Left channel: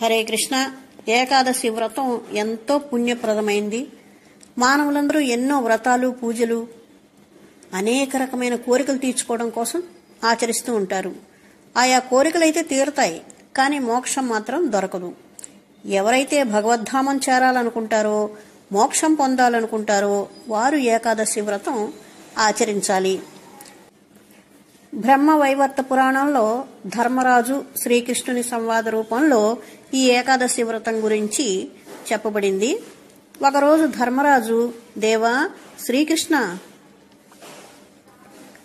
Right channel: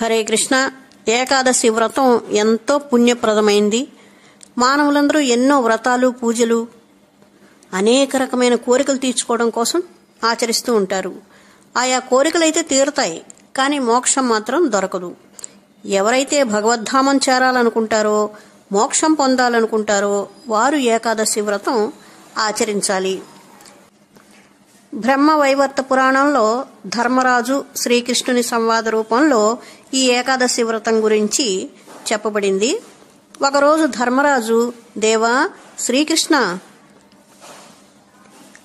హరే కృష్ణ. ఏకాదశి వ్రతం ఎంతో పుణ్యప్రదమైంది. మానవులందరూ ఎన్నో వ్రతాలు, పూజలు, అనేక రకమైన కోరికలు తీర్చుకోవడం కోసం ఆచరిస్తూ ఉంటారు. ఆయా కోరికలైతే తీరుతాయి, కానీ మోక్షం మాత్రం దొరకదు. ఎవరైతే భగవద్ధామం చేరాలనుకుంటారో, మోక్షం పొందాలనుకుంటారో వారు ఏకాదశి వ్రతం ఆచరించాలి. బ్రహ్మవైవర్త పురాణంలో ధర్మరాజు శ్రీకృష్ణుని సంవాద రూపంలో ఈ ఏకాదశి వ్రతం గురించి చెప్పబడింది. ఒకరోజు ధర్మరాజు, దేవా శ్రీకృష్ణ,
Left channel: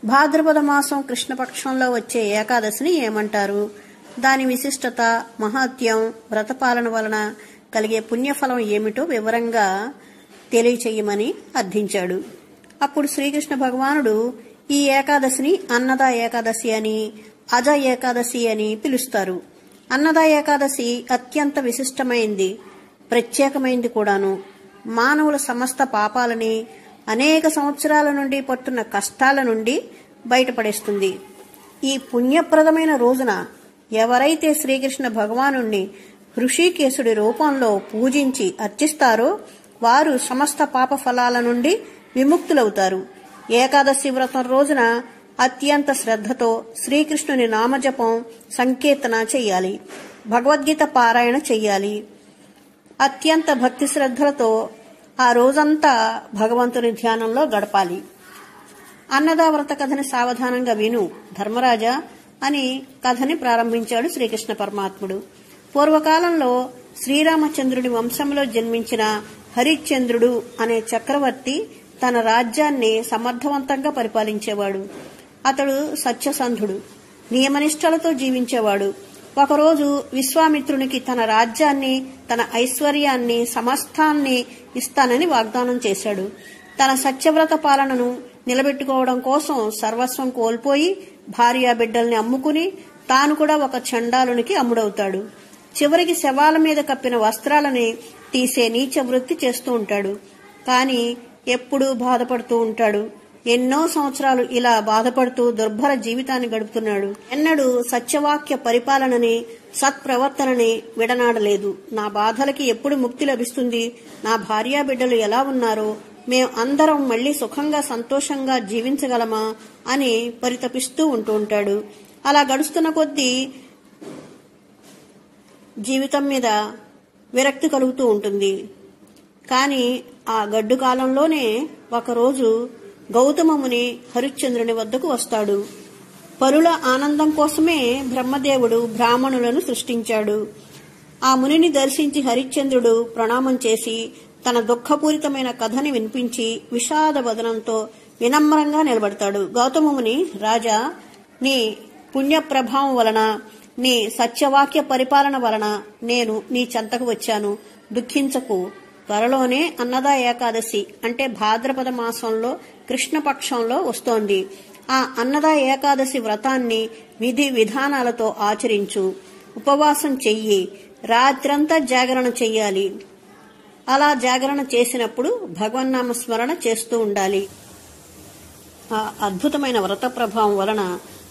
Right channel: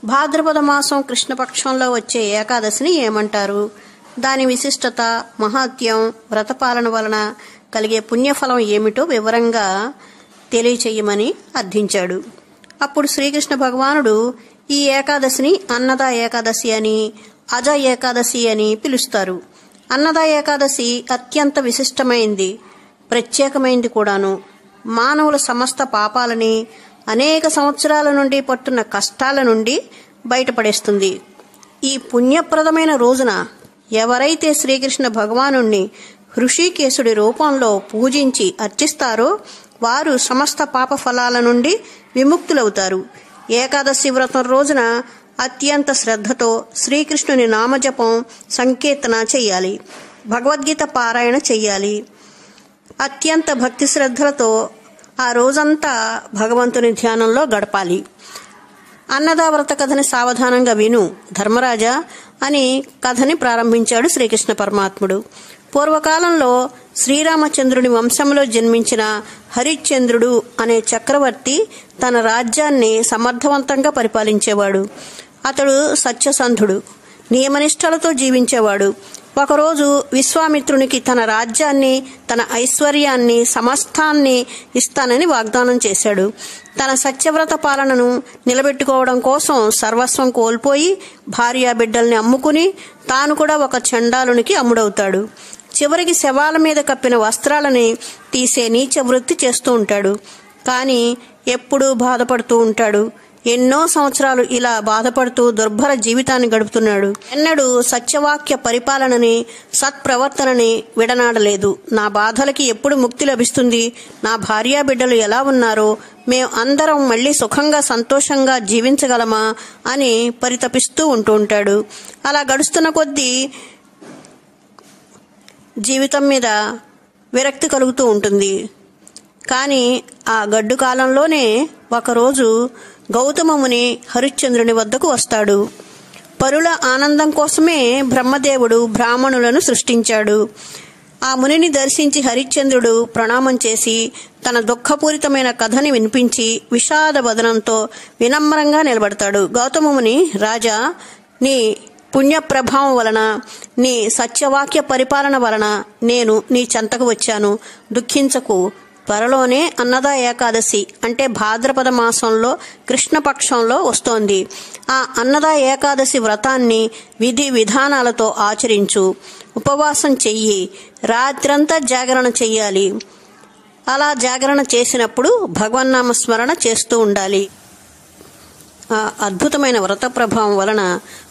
భాద్రపద మాసం కృష్ణపక్షంలో వచ్చే ఏకాదశిని ఏమంటారు? దాని విశిష్టత, మహాత్యం, వ్రతపాలన వలన కలిగే పుణ్యఫలం ఏమిటో వివరంగా తెలియచేయమని అర్థించాడు. అప్పుడు శ్రీకృష్ణ భగవానుడు ఈ ఏకాదశిని అన్నద ఏకాదశి అని, అజ ఏకాదశి అని పిలుస్తారు. అన్నద ఏకాదశి అత్యంత విశిష్టమైంది, ప్రత్యేకమైంది కూడాను. మానవుల సమస్త పాపాలని, అనేక సంవత్సరాల నుండి పట్టున్న కష్టాల నుండి బయటపడేస్తుంది. ఈ పుణ్యప్రదమైన రోజున ఎవరైతే శ్రీకృష్ణ భగవానుణ్ణి హృషికేశుడి రూపంలో పూజించి అర్చిస్తారో వారు సమస్త పాప ఫలాల నుండి విముక్తులవుతారు. ఏకాదశి వ్రతం రోజున అత్యంత శ్రద్ధతో శ్రీకృష్ణుని నామజపం, సంకీర్తన చెయ్యాలి. భగవద్గీత పారాయణ చెయ్యాలి. అత్యంత భక్తి శ్రద్ధలతో ఆ రోజంతా భగవంతుని ధ్యానంలో గడపాలి. అన్నద వ్రత కథని సావధానంగా విను ధర్మరాజా అని కథని ప్రారంభించాడు శ్రీకృష్ణ పరమాత్ముడు. పూర్వకాలంలో శ్రీరామచంద్రుని వంశంలో జన్మించిన హరిశ్చంద్రుడు అనే చక్రవర్తి తన రాజ్యాన్ని సమర్థవంతంగా పరిపాలించేవాడు. అతడు సత్యసంధుడు, నియమనిష్టలతో జీవించేవాడు. ఒకరోజు విశ్వామిత్రునికి తన రాజ్యాన్ని, తన ఐశ్వర్యాన్ని, సమస్తాన్ని ఇస్తానని వాగ్దానం చేశాడు. తన సత్యవ్రత పాలనను నిలబెట్టుకోవడం కోసం సర్వస్వం కోల్పోయి భార్యా బిడ్డల్ని అమ్ముకుని తాను కూడా ఒక చండాలునికి అమ్ముడవుతాడు. చివరికి శవాల మీద కప్పిన వస్త్రాలని తీసే నీచ వృత్తి చేస్తూ ఉంటాడు. కానీ ఎప్పుడూ బాధపడుతూ ఉంటాడు. ఎన్నో సంవత్సరాలు ఇలా బాధపడుతూ దుర్భర జీవితాన్ని గడుపుతున్నాడు. ఎన్నడూ సత్యవాక్య పరిపాలనని, సత్ప్రవర్తనని విడనాడలేదు. నా బాధలకి ఎప్పుడు ముక్తి లభిస్తుంది? నా భార్యా బిడ్డలు ఎలా ఉన్నారో, మేం అందరం మళ్లీ సుఖంగా సంతోషంగా జీవించగలమా అని పరితపిస్తూ ఉంటూ ఉంటాడు. అలా గడుస్తున్న కొద్దీ జీవితం మీద విరక్తి కలుగుతూ ఉంటుంది. కానీ ఆ గడ్డు కాలంలోనే ఒకరోజు గౌతమముని హరిశ్చంద్రుని వద్దకు వస్తాడు. పరుల ఆనందం కోసమే బ్రహ్మదేవుడు బ్రాహ్మణులను సృష్టించాడు. ఆ మునిని దర్శించి హరిశ్చంద్రుడు ప్రణామం చేసి తన దుఃఖపూరితమైన కథని వినిపించి విషాద వదనంతో వినమ్రంగా నిలబడతాడు. గౌతమముని, రాజా, నీ పుణ్య ప్రభావం వలన, నీ సత్యవాక్య పరిపాలన వలన నేను నీ చెంతకు వచ్చాను. దుఃఖించకు. త్వరలోనే అన్నద ఏకాదశి అంటే భాద్రపద మాసంలో కృష్ణపక్షంలో వస్తోంది. ఆ అన్నద ఏకాదశి వ్రతాన్ని విధి విధానాలతో ఆచరించు. ఉపవాసం చెయ్యి. రాత్రంతా జాగరణ చెయ్యాలి. అలా జాగరణ చేసినప్పుడు భగవన్నామ స్మరణ చేస్తూ ఉండాలి. ఆ అద్భుతమైన వ్రత ప్రభావం వలన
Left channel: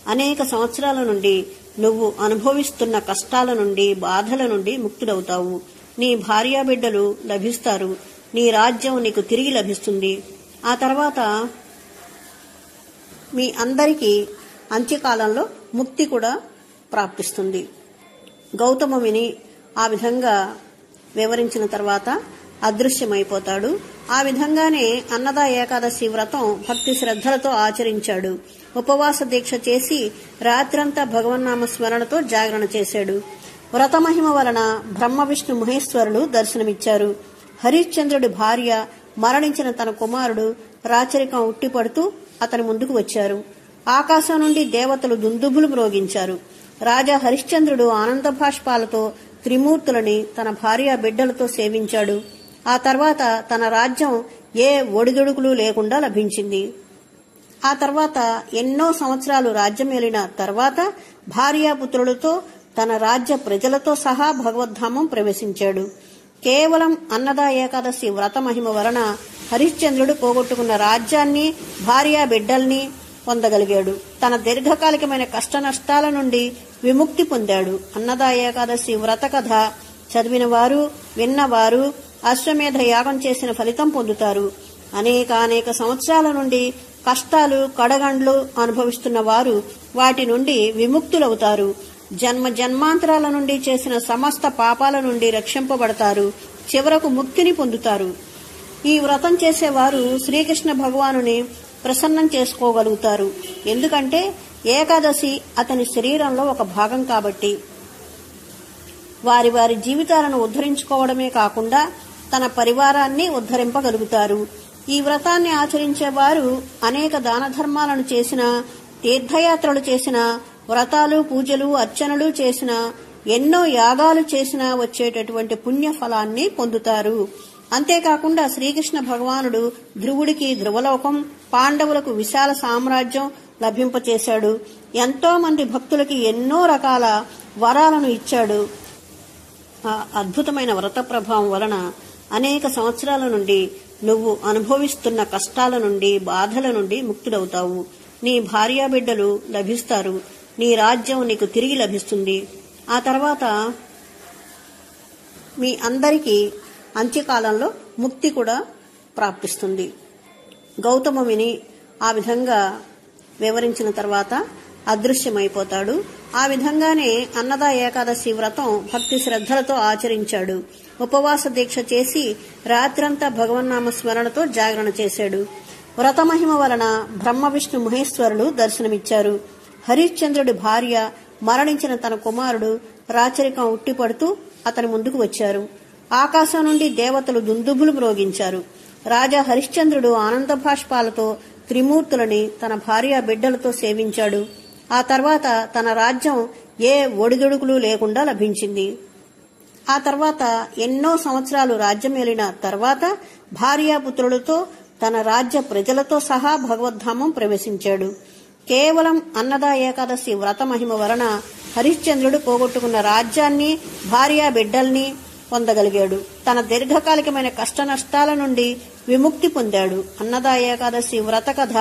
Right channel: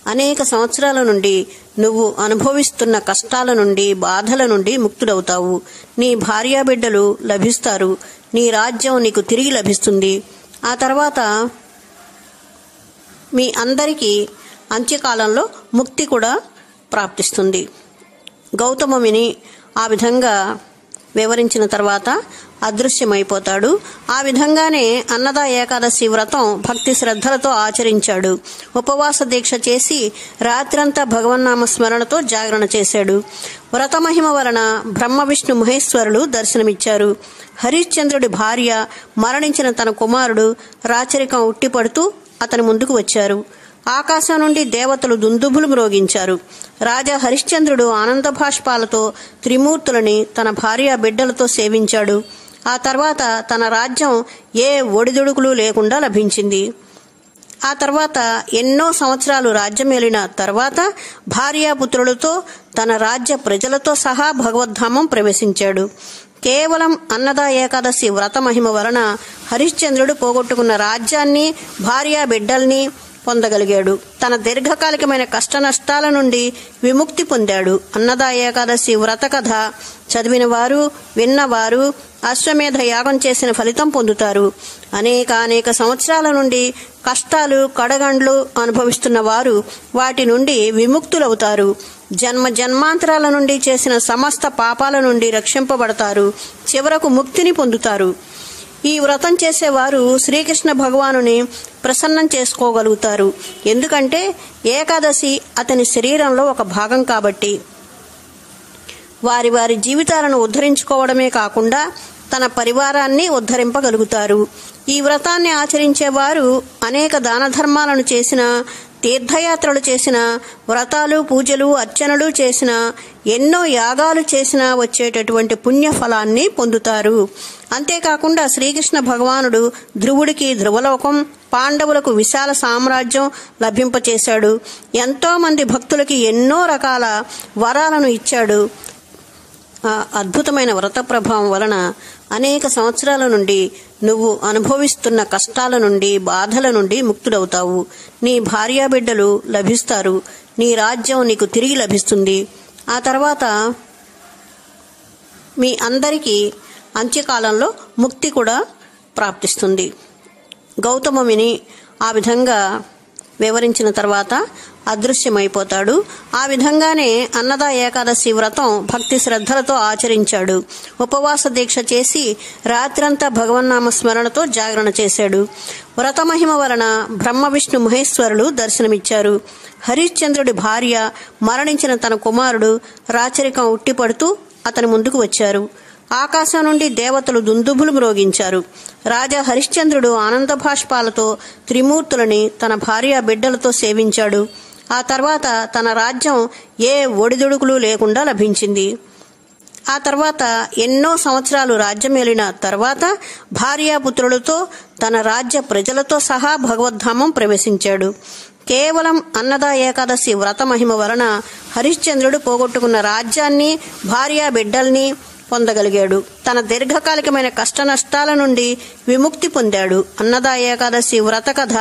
అనేక సంవత్సరాల నుండి నువ్వు అనుభవిస్తున్న కష్టాల నుండి, బాధల నుండి ముక్తుడవుతావు. నీ భార్యా బిడ్డలు లభిస్తారు. నీ రాజ్యం నీకు తిరిగి లభిస్తుంది. ఆ తర్వాత మీ అందరికీ అంత్యకాలంలో ముక్తి కూడా ప్రాప్తిస్తుంది. గౌతముని ఆ విధంగా వివరించిన తర్వాత అదృశ్యమైపోతాడు. ఆ విధంగానే అన్నద ఏకాదశి వ్రతం భక్తి శ్రద్ధలతో ఆచరించాడు. ఉపవాస దీక్ష చేసి రాత్రంతా భగవన్నామ స్మరణతో జాగరణ చేశాడు. వ్రతమహిమ వలన బ్రహ్మ విష్ణు మహేశ్వరులు దర్శనమిచ్చారు. హరిశ్చంద్రుడి భార్య మరణించిన తన కుమారుడు రాచరికం ఉట్టిపడుతూ అతని ముందుకు వచ్చారు. ఆకాశం నుండి దేవతలు దుందుభులు మ్రోగించారు. రాజా హరిశ్చంద్రుడు ఆనంద భాష్పాలతో త్రిమూర్తులని తన భార్య బిడ్డలతో సేవించాడు. ఆ తర్వాత తన రాజ్యం ఏ ఒడిదుడుకులు లేకుండా లభించింది. ఆ తర్వాత ఎన్నో సంవత్సరాలు రాజ్యమేలిన తర్వాత భార్యాపుత్రులతో తన రాజ్య ప్రజలతో సహా భగవద్ధామం ప్రవేశించాడు. కేవలం అన్నద ఏకాదశి వ్రత మహిమ వలన హరిశ్చంద్రుడు పోగొట్టుకున్న రాజ్యాన్ని, భార్యా బిడ్డల్ని పొందగలిగాడు. తన దీర్ఘకాలికమైన కష్ట నష్టాల నుండి విముక్తి పొందాడు. అన్నదా ఏకాదశి వ్రత కథ చదివిన వారు, విన్నవారు అశ్వమేధ యాగం చేసిన ఫలితం పొందుతారు. అనేక సంవత్సరాల నుండి కష్టాలు, కడగండ్లు అనుభవిస్తున్న వారు వాటి నుండి విముక్తులవుతారు. జన్మాంతరాల నుండి చేసిన సమస్త పాపాల నుండి రక్షింపబడతారు. చివరకు ముక్తిని పొందుతారు. ఈ వ్రతం చేసేవారు శ్రీకృష్ణ భగవానుని ప్రసన్నం చేసుకోగలుగుతారు. ఎందుకంటే ఏకాదశి అతని శరీరంలో ఒక భాగం కాబట్టి. వారి జీవితాలను ఉద్ధరించుకోవడమే కాకుండా తన పరివారాన్ని ఉద్ధరింపగలుగుతారు. ఈ వ్రతాన్ని ఆచరించేవారు అనేక దాన ధర్మాలను చేసిన, తీర్థయాత్రలు చేసిన, వ్రతాలు, పూజలు, అర్చనలు చేసిన, ఎన్నో యాగాలు చేసినా వచ్చేటటువంటి పుణ్యఫలాన్ని పొందుతారు. అంతేకాకుండా శ్రీకృష్ణ భగవానుడు ధ్రువుడికి ధ్రువలోకం, పాండవులకు విశాల సామ్రాజ్యం లభింపచేశాడు. ఎంతో మంది భక్తులకి ఎన్నో రకాల వరాలను ఇచ్చాడు. ఆ అద్భుతమైన వ్రత ప్రభావం వలన అనేక సంవత్సరాల నుండి నువ్వు అనుభవిస్తున్న కష్టాల నుండి, బాధల నుండి ముక్తుడవుతావు. నీ భార్యాబిడ్డలు లభిస్తారు. నీ రాజ్యం నీకు తిరిగి లభిస్తుంది. ఆ తర్వాత మీ అందరికీ అంత్యకాలంలో ముక్తి కూడా ప్రాప్తిస్తుంది. గౌతముని ఆ విధంగా వివరించిన తర్వాత అదృశ్యమైపోతాడు. ఆ విధంగానే అన్నదా ఏకాదశి వ్రతం భక్తి శ్రద్ధలతో ఆచరించాడు. ఉపవాస దీక్ష చేసి రాత్రంతా భగవన్నామ స్మరణతో జాగరణ చేశాడు. వ్రతమహిమ వలన బ్రహ్మ విష్ణు మహేశ్వరులు దర్శనమిచ్చారు. హరిశ్చంద్రుడి భార్య మరణించిన తన కుమారుడు రాచరికం ఉట్టిపడుతూ అతని ముందుకు వచ్చారు. ఆకాశం నుండి దేవతలు దుందుభులు మ్రోగించారు. రాజా హరిశ్చంద్రుడు ఆనంద భాష్పాలతో త్రిమూర్తులని తన భార్య బిడ్డలతో సేవించాడు. ఆ తర్వాత తన రాజ్యం ఏ ఒడిదుడుకులు లేకుండా లభించింది. ఆ తర్వాత ఎన్నో సంవత్సరాలు రాజ్యమేలిన తర్వాత భార్యాపుత్రులతో తన రాజ్య ప్రజలతో సహా భగవద్ధామం ప్రవేశించాడు. కేవలం అన్నదా ఏకాదశి వ్రత మహిమ వలన హరిశ్చంద్రుడు పోగొట్టుకున్న రాజ్యాన్ని, భార్యా బిడ్డల్ని పొందగలిగాడు. తన దీర్ఘకాలికమైన కష్ట నష్టాల నుండి విముక్తి పొందాడు. అన్నదా ఏకాదశి వ్రత కథ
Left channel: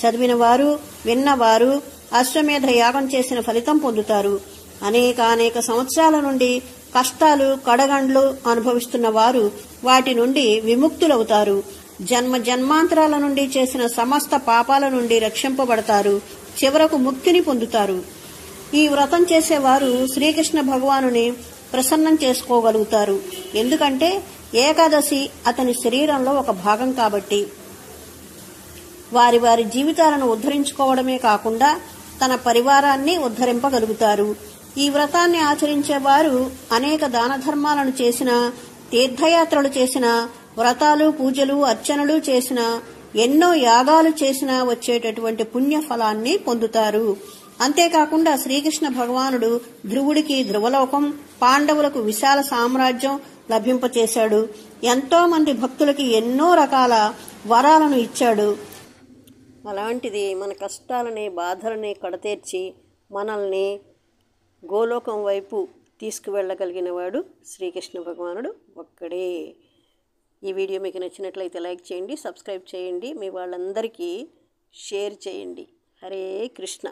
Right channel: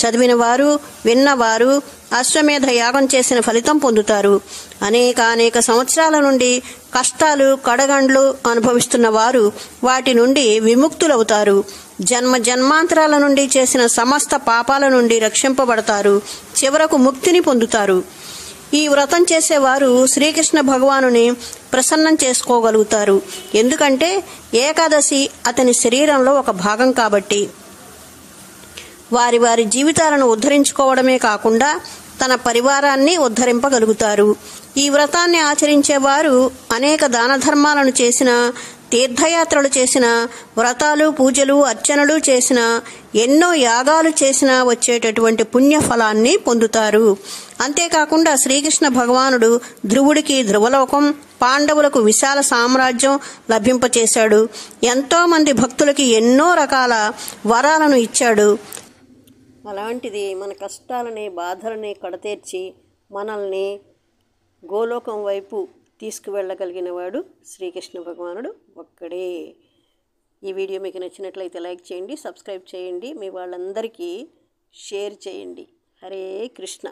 చదివిన వారు, విన్నవారు అశ్వమేధ యాగం చేసిన ఫలితం పొందుతారు. అనేక సంవత్సరాల నుండి కష్టాలు, కడగండ్లు అనుభవిస్తున్న వారు వాటి నుండి విముక్తులవుతారు. జన్మాంతరాల నుండి చేసిన సమస్త పాపాల నుండి రక్షింపబడతారు. చివరకు ముక్తిని పొందుతారు. ఈ వ్రతం చేసేవారు శ్రీకృష్ణ భగవానుని ప్రసన్నం చేసుకోగలుగుతారు. ఎందుకంటే ఏకాదశి అతని శరీరంలో ఒక భాగం కాబట్టి. వారి జీవితాలను ఉద్ధరించుకోవడమే కాకుండా తన పరివారాన్ని ఉద్ధరింపగలుగుతారు. ఈ వ్రతాన్ని ఆచరించేవారు అనేక దాన ధర్మాలను చేసిన, తీర్థయాత్రలు చేసిన, వ్రతాలు, పూజలు, అర్చనలు చేసిన, ఎన్నో యాగాలు చేసినా వచ్చేటటువంటి పుణ్యఫలాన్ని పొందుతారు. అంతేకాకుండా శ్రీకృష్ణ భగవానుడు ధ్రువుడికి ధ్రువలోకం, పాండవులకు విశాల సామ్రాజ్యం లభింపచేశాడు. ఎంతో మంది భక్తులకి ఎన్నో రకాల వరాలను ఇచ్చాడు. అలాంటిది మన కష్టాలని, బాధలని కడతీర్చి మనల్ని గోలోకం వైపు తీసుకువెళ్ళగలిగిన వాడు శ్రీకృష్ణ భగవానుడు ఒక్కడే. ఈ వీడియో మీకు నచ్చినట్లయితే లైక్ చేయండి, సబ్స్క్రైబ్ చేయండి, మీ వాళ్ళందరికీ షేర్ చేయండి. హరే కృష్ణ.